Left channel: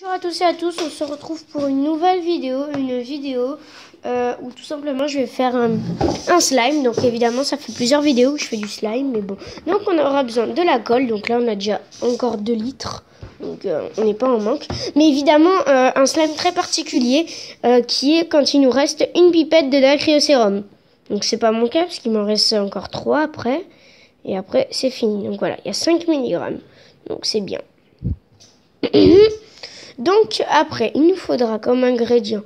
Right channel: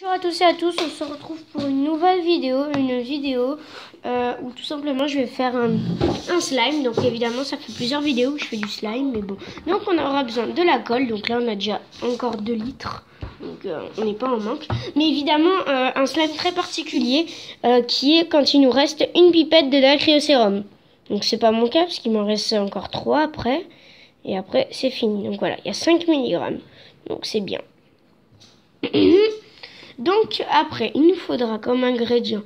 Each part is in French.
Bonjour à tous et à tous, on se retrouve pour une nouvelle vidéo, où tout simplement je vais faire un slime. Donc évidemment ça fait plusieurs vidéos que je fais du slime, mais bon. Donc on aura besoin de la colle, donc là on a déjà encore 2 litres, donc on n'est pas en manque. Mais évidemment un slime très particulier qui est quand il nous reste une pipette de dacryocérum. Donc c'est pas mon cas parce qu'il m'en reste encore 3 après, et après c'est fini. Donc voilà, il y a 5 mg, donc c'est bien. Donc après, il nous faudra comme ingrédient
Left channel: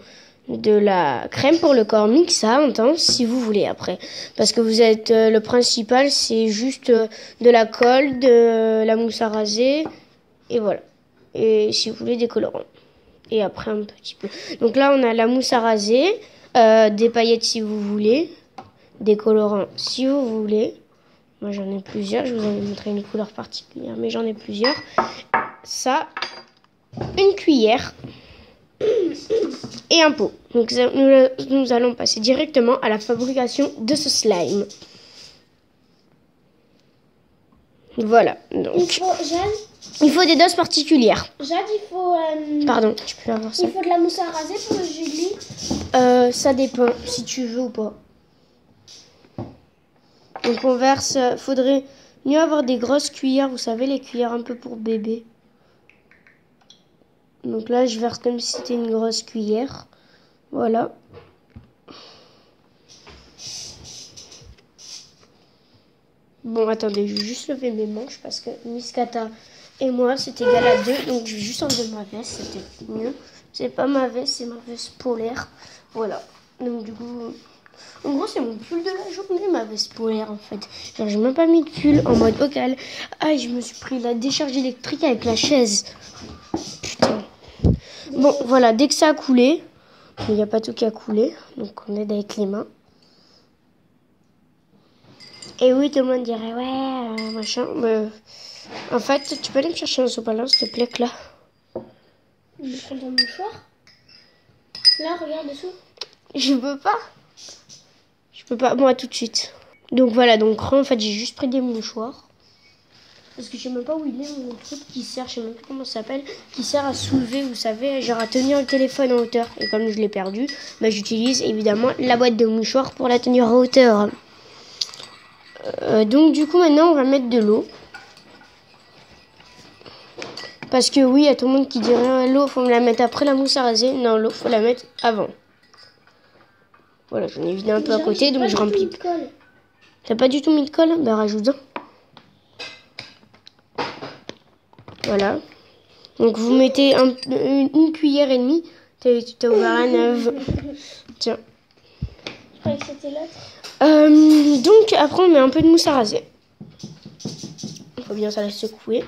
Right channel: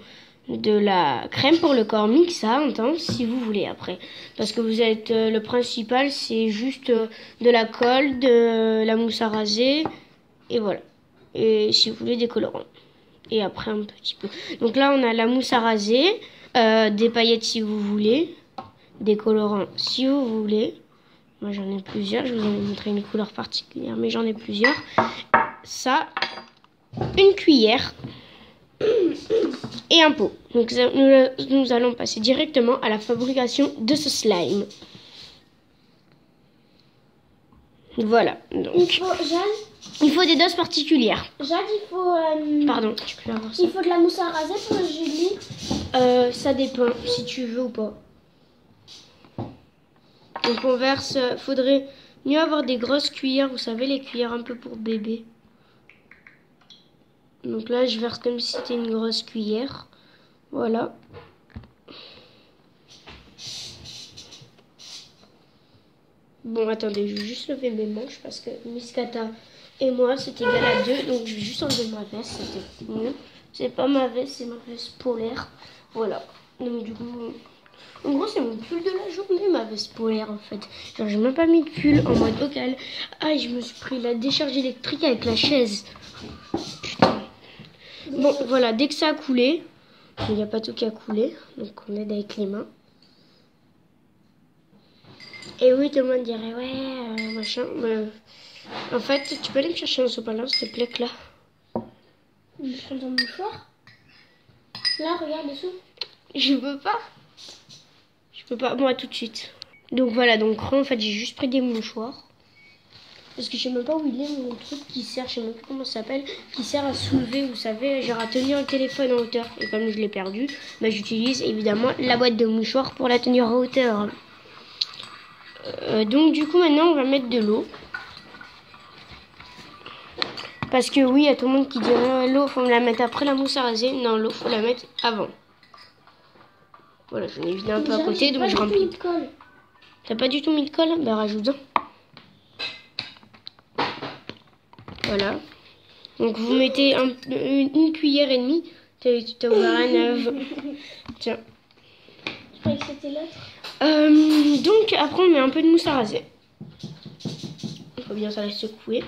de la crème pour le corps mixante, hein, si vous voulez après. Parce que vous êtes le principal, c'est juste de la colle, de la mousse à raser, et voilà. Et si vous voulez des colorants. Et après un petit peu. Donc là, on a la mousse à raser, des paillettes si vous voulez, des colorants si vous voulez. Moi j'en ai plusieurs, je vous en ai montré une couleur particulière, mais j'en ai plusieurs. Ça, une cuillère et un pot. Donc nous allons passer directement à la fabrication de ce slime. Voilà. Donc, il faut des doses particulières. Jade, il faut... Pardon, tu peux avoir ça. Il faut de la mousse à raser pour le Julie. Ça dépend si tu veux ou pas. Donc on verse... faudrait mieux avoir des grosses cuillères. Vous savez, les cuillères un peu pour bébé. Donc là, je verse comme si c'était une grosse cuillère. Voilà. Bon, attendez, je vais juste lever mes manches parce que Miss Kata et moi, c'est égal à 2. Donc, je vais juste enlever ma veste, c'était mieux. C'est pas ma veste, c'est ma veste polaire. Voilà. Donc, du coup, en gros, c'est mon pull de la journée, ma veste polaire, en fait. Genre, j'ai même pas mis de pull en mode vocal. Ah, je me suis pris la décharge électrique avec la chaise. Putain. Bon, voilà, dès que ça a coulé, il n'y a pas tout qui a coulé, donc on aide avec les mains. Et oui, tout le monde dirait, ouais, machin. En fait, tu peux aller me chercher un sopalin, s'il te plaît, là. Je prends ton mouchoir. Là, regarde dessous. Je peux pas. Je peux pas, moi, tout de suite. Donc voilà, donc en fait, j'ai juste pris des mouchoirs. Parce que je sais même pas où il est, mon truc qui sert, je sais même pas comment ça s'appelle, qui sert à soulever, vous savez, genre à tenir le téléphone en hauteur. Et comme je l'ai perdu, bah, j'utilise évidemment la boîte de mouchoirs pour la tenir en hauteur. Donc du coup, maintenant, on va mettre de l'eau. Parce que oui, il y a tout le monde qui dirait l'eau, faut me la mettre après la mousse à raser. Non, l'eau, faut la mettre avant. Voilà, j'en ai vidé un peu à côté, donc je remplis. T'as pas du tout mis de colle? Bah rajoute-en. Voilà. Donc vous mettez une cuillère et demie. T'as ouvert un œuf. Tiens. Je croyais que c'était l'autre. Donc après on met un peu de mousse à raser. Il faut bien ça la secouer.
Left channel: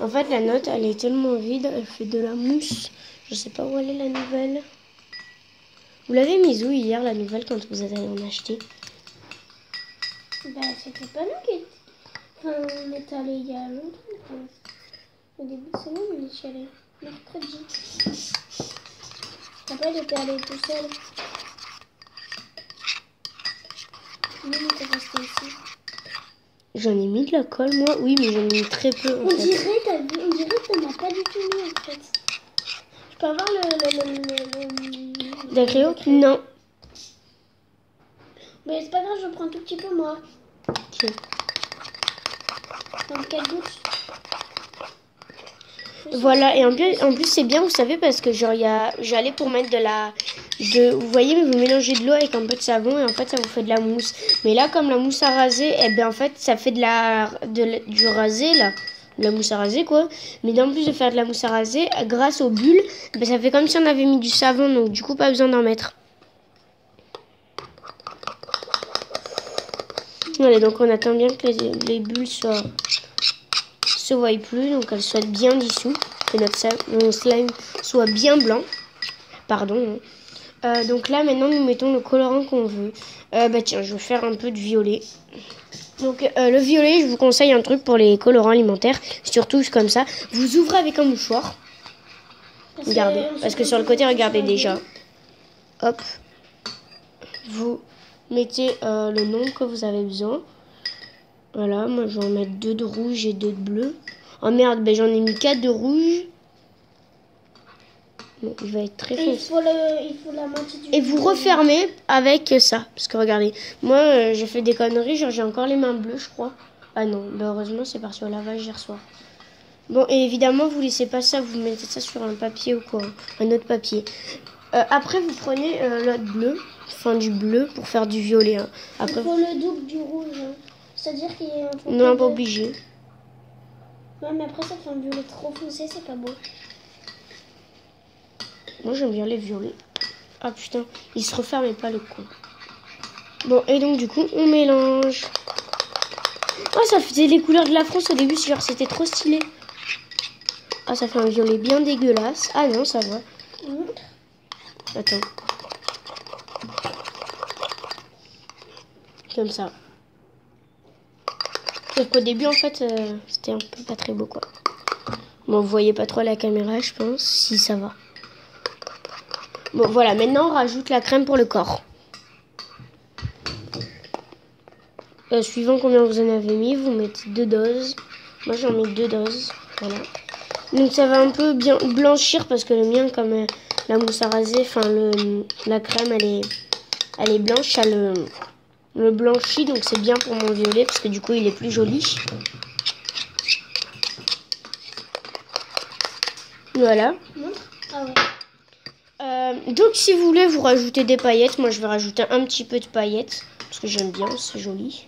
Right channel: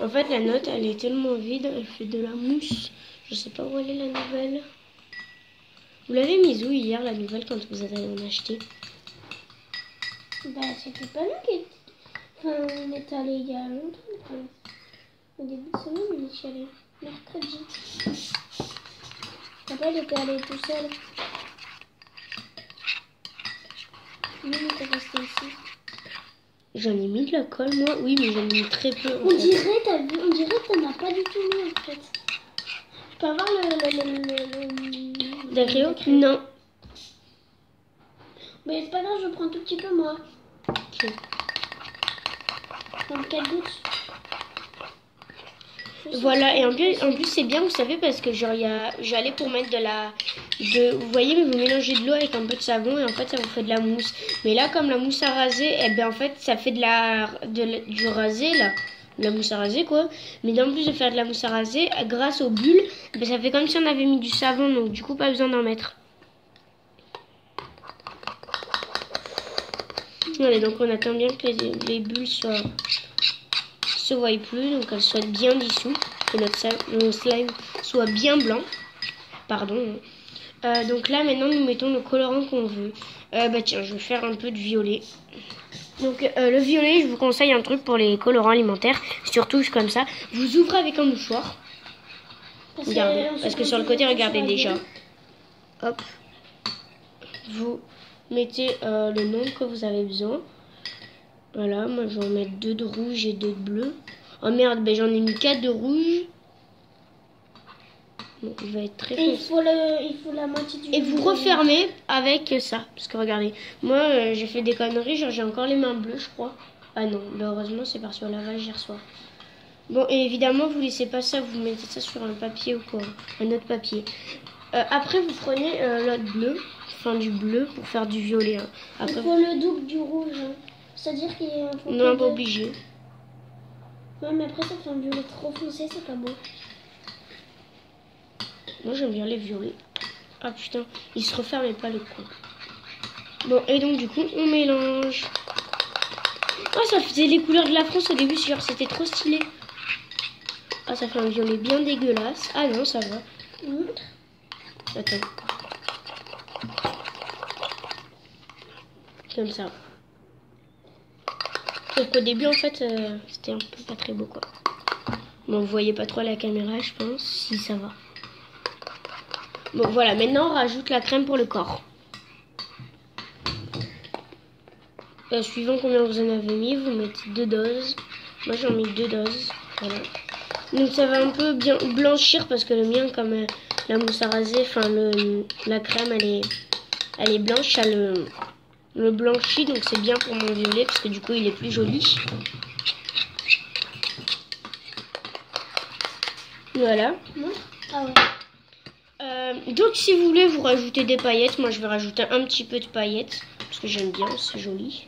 En fait la note elle est tellement vide, elle fait de la mousse. Je sais pas où elle est la nouvelle. Vous l'avez mise où hier la nouvelle quand vous êtes allé en acheter? Bah c'était pas nous qui... Enfin, on est allé il y a longtemps. Au début de semaine, on est allé mercredi. Papa il était allé tout seul. Nous on était resté ici. J'en ai mis de la colle moi, oui mais j'en ai mis très peu. On dirait que t'en as pas du tout mis en fait. Je peux avoir le D'acrylo? Non. Mais c'est pas grave, je prends un tout petit peu moi. Ok. Dans 4 gouttes. Voilà, et en plus c'est bien, vous savez, parce que genre j'allais pour mettre vous voyez, mais vous mélangez de l'eau avec un peu de savon et en fait ça vous fait de la mousse. Mais là, comme la mousse à raser, eh bien en fait ça fait du rasé là, de la mousse à raser quoi. Mais en plus de faire de la mousse à raser, grâce aux bulles, eh bien, ça fait comme si on avait mis du savon, donc du coup pas besoin d'en mettre. Voilà, donc on attend bien que les bulles se voient plus, donc elles soient bien dissous, que notre slime soit bien blanc. Pardon. Donc là maintenant nous mettons le colorant qu'on veut. Bah tiens, je vais faire un peu de violet. Donc le violet, je vous conseille un truc pour les colorants alimentaires, surtout comme ça. Vous ouvrez avec un mouchoir. Regardez, parce que sur le côté, regardez déjà. Hop. Vous mettez le nombre que vous avez besoin. Voilà, moi je vais en mettre 2 de rouge et 2 de bleu. Oh merde, ben j'en ai mis 4 de rouge. Bon, il va être très Et foncé. il faut la moitié du... Et vous refermez avec ça. Parce que regardez, moi j'ai fait des conneries, genre j'ai encore les mains bleues je crois. Ah non, bah, heureusement c'est parti au lavage hier soir. Bon, et évidemment vous laissez pas ça, vous mettez ça sur un papier ou quoi, un autre papier. Après vous prenez l'autre bleu, enfin du bleu pour faire du violet. Hein. Après, il faut le double du rouge. Hein. C'est-à-dire qu'il faut non, que pas deux. obligé. Ouais, mais après ça fait un violet trop foncé, c'est pas beau. Moi j'aime bien les violets. Ah putain, il se referme pas le con. Bon, et donc du coup on mélange. Oh, ça faisait les couleurs de la France au début, genre c'était trop stylé. Ah, ça fait un violet bien dégueulasse. Ah non, ça va. Attends. Comme ça. Sauf qu'au début, en fait, c'était un peu pas très beau, quoi. Bon, vous voyez pas trop à la caméra, je pense. Si, ça va. Bon, voilà. Maintenant, on rajoute la crème pour le corps. Suivant combien vous en avez mis, vous mettez 2 doses. Moi, j'en mets 2 doses. Voilà. Donc, ça va un peu bien blanchir parce que le mien, comme la mousse à raser, enfin, la crème, elle est blanche, ça le blanchit, donc c'est bien pour mon violet parce que du coup, il est plus joli. Voilà. Ah ouais. Donc, si vous voulez, vous rajoutez des paillettes. Moi, je vais rajouter un petit peu de paillettes parce que j'aime bien, c'est joli.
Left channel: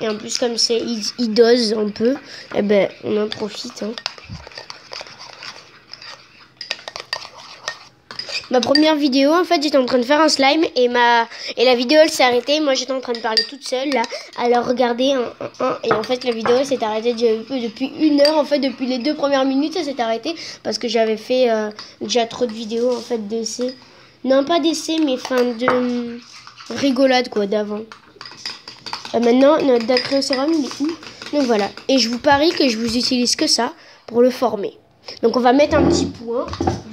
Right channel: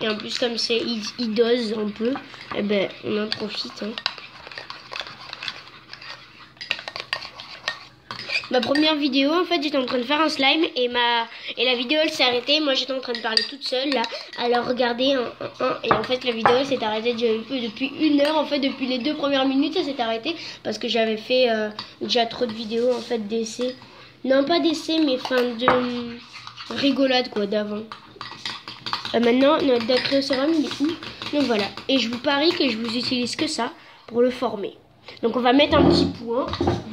Et en plus, comme c'est, il dose un peu, eh ben, on en profite. Hein. Ma première vidéo, en fait, j'étais en train de faire un slime et la vidéo, elle s'est arrêtée. Moi, j'étais en train de parler toute seule, là. Alors, regardez, et en fait, la vidéo, elle s'est arrêtée depuis 1 heure. En fait, depuis les 2 premières minutes, elle s'est arrêtée parce que j'avais fait déjà trop de vidéos, en fait, d'essais. Non, pas d'essais, mais fin de rigolade, quoi, d'avant. Maintenant, notre dacryocérum, il est où? Donc voilà. Et je vous parie que je vous utilise que ça pour le former. Donc on va mettre un petit point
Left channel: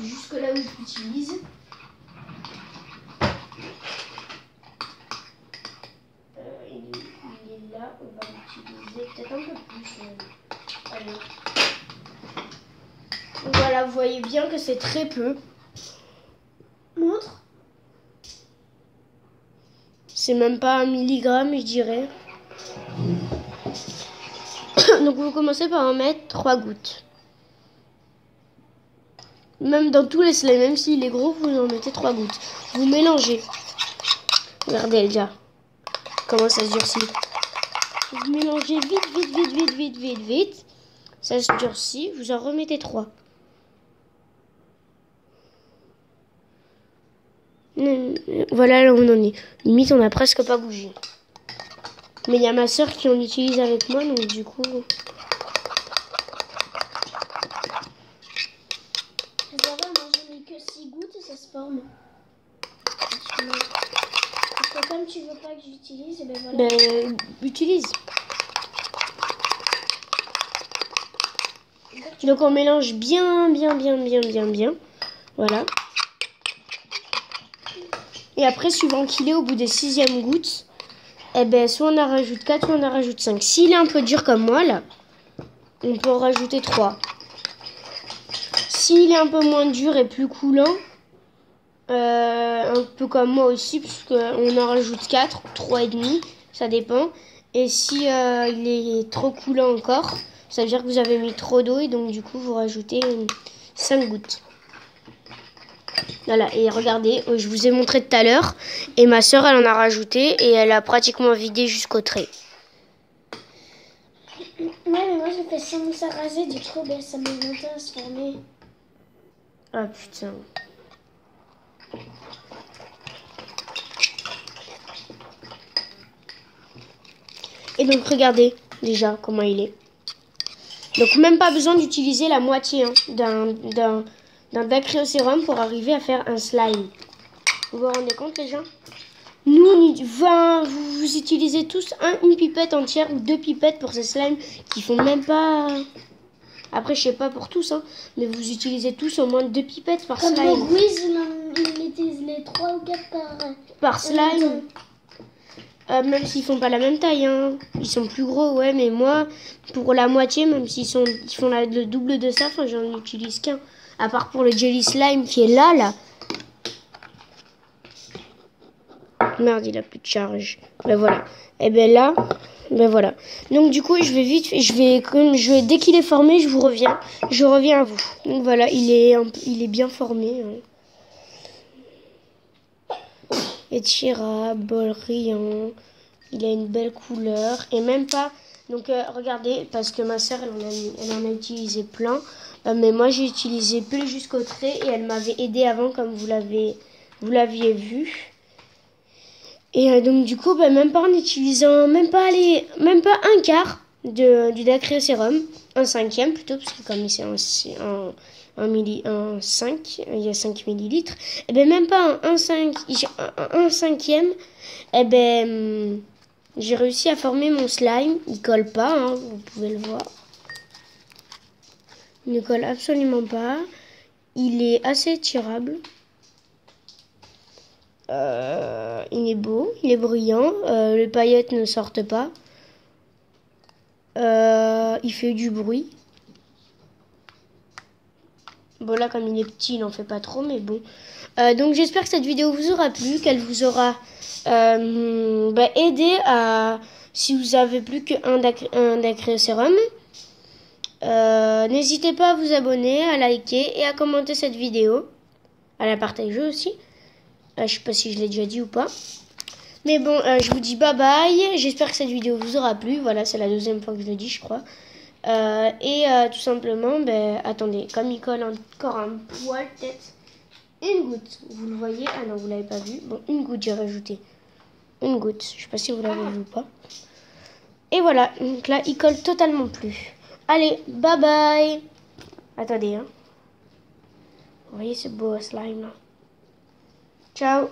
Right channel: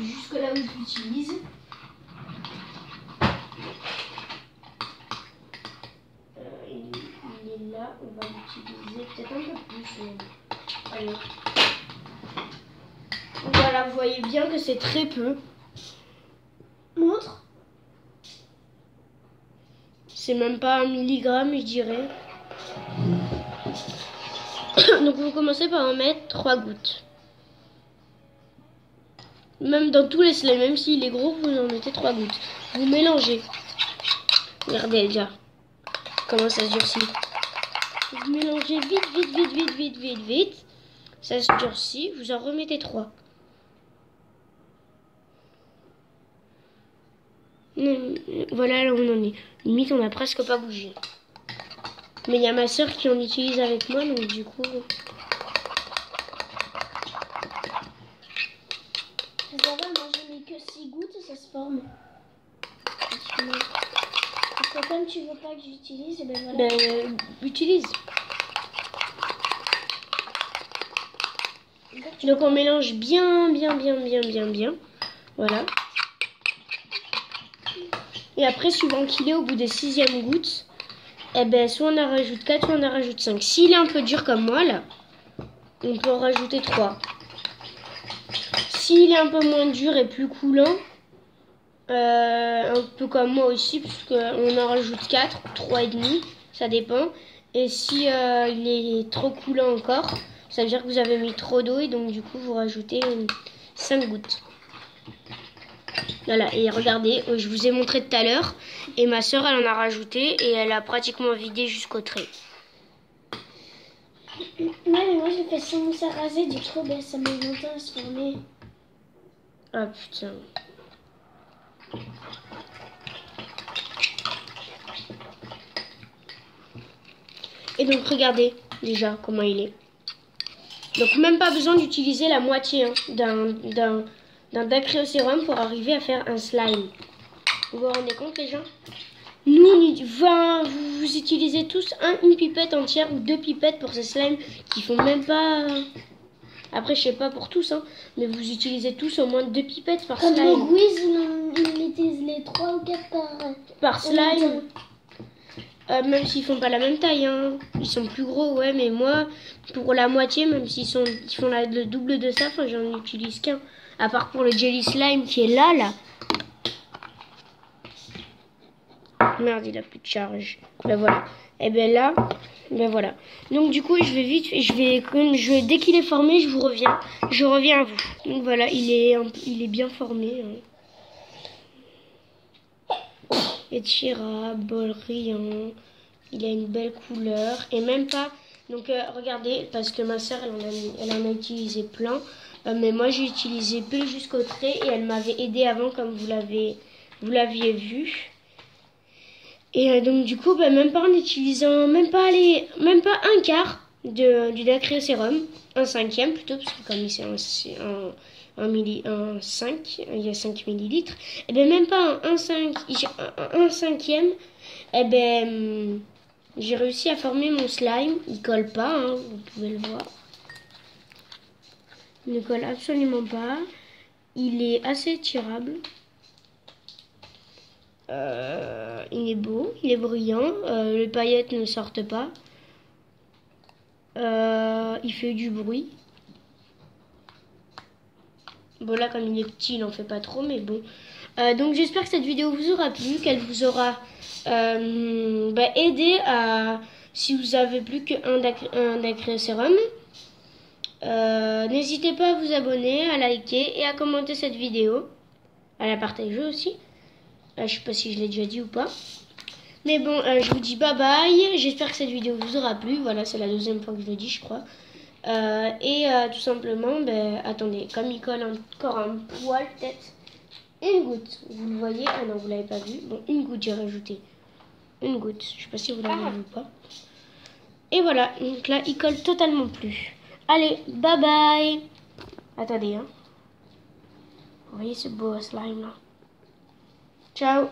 jusque là où je l'utilise. Il est là. On va l'utiliser peut-être un peu plus. Allez. Voilà, vous voyez bien que c'est très peu. Montre. C'est même pas 1 milligramme, je dirais. Donc vous commencez par en mettre 3 gouttes. Même dans tous les slimes, même s'il est gros, vous en mettez 3 gouttes. Vous mélangez. Regardez déjà comment ça se durcit. Vous mélangez vite. Ça se durcit, vous en remettez 3. Voilà là où on en est. Limite, on n'a presque pas bougé. Mais il y a ma soeur qui en utilise avec moi, donc du coup... Ça va, moi je mets que 6 gouttes et ça se forme. Parce que comme tu veux pas que j'utilise, et ben voilà. Ben, utilise. Donc on mélange bien. Voilà. Et après, suivant qu'il est au bout des 6e gouttes, eh ben, soit on en rajoute 4, soit on en rajoute 5. S'il est un peu dur comme moi, là, on peut en rajouter 3. S'il est un peu moins dur et plus coulant, un peu comme moi aussi, puisqu'on en rajoute 4, 3,5, ça dépend. Et si il est trop coulant encore, ça veut dire que vous avez mis trop d'eau et donc du coup vous rajoutez 5 gouttes. Voilà, et regardez, je vous ai montré tout à l'heure, et ma soeur elle en a rajouté et elle a pratiquement vidé jusqu'au trait. Ouais, mais moi j'ai fait sans mousse à raser, du coup ben, ça met longtemps à se former. Ah putain. Et donc regardez déjà comment il est. Donc même pas besoin d'utiliser la moitié hein, d'un dacryocérum pour arriver à faire un slime. Vous vous rendez compte les gens? Nous, vous utilisez tous une pipette entière ou 2 pipettes pour ces slimes qui font même pas... Après, je sais pas pour tous, hein, mais vous utilisez tous au moins 2 pipettes par Comme slime. le Gwiz, il utilise les 3 ou 4 par Par slime. Même s'ils font pas la même taille, hein. Ils sont plus gros, ouais, mais moi, pour la moitié, même s'ils font le double de ça, enfin, j'en utilise qu'un. À part pour le jelly slime qui est là. Merde, il a plus de charge. Ben voilà. Et ben là, ben voilà. Donc du coup, je vais dès qu'il est formé, je reviens à vous. Donc voilà, il est bien formé. Hein. Étirable, brillant. Il a une belle couleur et même pas. Donc regardez, parce que ma soeur elle en a utilisé plein, mais moi j'ai utilisé peu jusqu'au trait et elle m'avait aidé avant comme vous l'aviez vu. Et donc du coup, même pas en utilisant même pas un quart du Dacryocérum, un cinquième plutôt, parce que comme c'est un 5, il y a 5 millilitres, et bien même pas un cinquième, et ben j'ai réussi à former mon slime. Il colle pas, hein, vous pouvez le voir. Il ne colle absolument pas. Il est assez tirable. Il est beau, il est brillant. Les paillettes ne sortent pas. Il fait du bruit. Bon là comme il est petit, il en fait pas trop, mais bon. Donc j'espère que cette vidéo vous aura plu, qu'elle vous aura aidé à, si vous avez plus qu'un Dacryocérum. N'hésitez pas à vous abonner, à liker et à commenter cette vidéo, à la partager aussi. Je sais pas si je l'ai déjà dit ou pas. Mais bon, je vous dis bye bye. J'espère que cette vidéo vous aura plu. Voilà, c'est la deuxième fois que je le dis, je crois. Tout simplement, attendez, comme il colle encore un poil, peut-être une goutte. Vous le voyez? Ah non, vous l'avez pas vu. Bon, une goutte, j'ai rajouté. Une goutte. Je sais pas si vous l'avez vu ou pas. Et voilà, donc là, il colle totalement plus. Allez, bye bye. Attendez, hein. Vous voyez ce beau slime là. Ciao.